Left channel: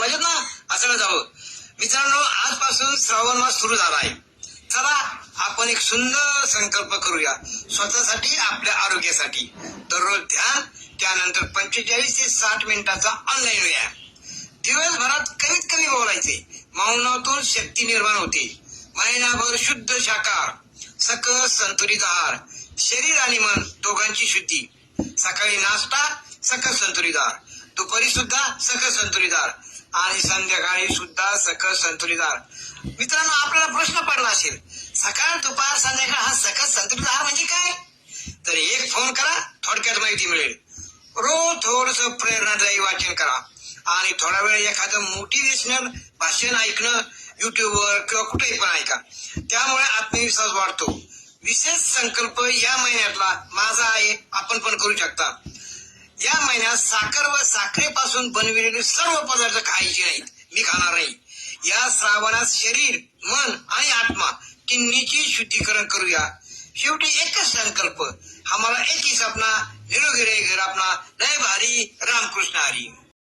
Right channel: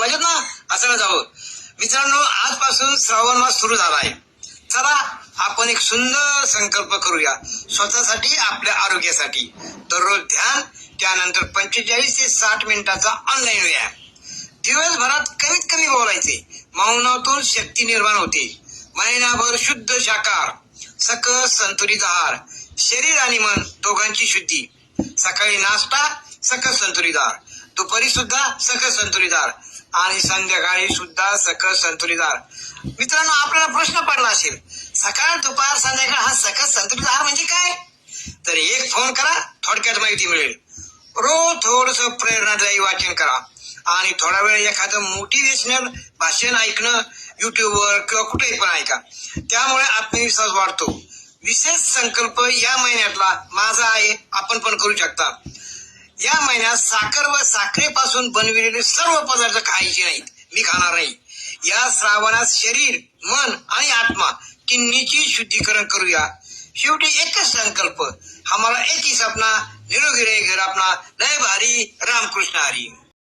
मजेत ना? असं जावं. मित्रांनो, आजपासून श्रावण मास सुरू झाला आहे. चला आपण एक सुंदर संकल्प करूया स्वतःसाठी, आपल्या आरोग्यासाठी. दररोज ध्यान, त्यानंतर 45 ते 60 मिनिटाचा ऑनलाईन व्यायाम. दिवसभरात कमीत कमी बोलायचे. मौनातून शक्ती निर्माण होते. महिनाभर शुद्ध शाकाहार, सकस संतुलित आहार, शरीर आणि मन दोघांची शुद्धी. सकाळी नाश्ता, सकस संतुलित आहार. दुपारी सुद्धा सकस संतुलित आहार आणि संध्याकाळी सुद्धा सकस संतुलित आहार. मित्रांनो, आपल्याला प्रश्न पडला असेल, सकाळ दुपार संध्याकाळ हा सकस संतुलित आहार म्हणजे काय? तर एक फोन करा, थोडक्यात माहिती मिळेल. रोज थोडस प्रेरणादायी वाचन करा आणि थोडा वेळ एखादं मोटिवेशनल भाषण ऐकणं युट्यूबवर किंवा कुठेही पण ऐका. त्यामुळे आत्मविश्वास वाढतो. विशेष संकल्प या महिन्यातला माझा आहे, आपण पण करू शकता. या महिन्यात साखर व साखरेपासून बनविलेले सर्व पदार्थ खायचे नाहीत. मी खाणार नाही. या श्रावणात शरीर, मन आणि आत्मा तिन्हीची शुद्धीकरण करूया. शेवटी एकच संकल्प, हमारा एक ही सपना, निरोगी रहे घर अपना. लय भारी. रामकृष्ण हरी.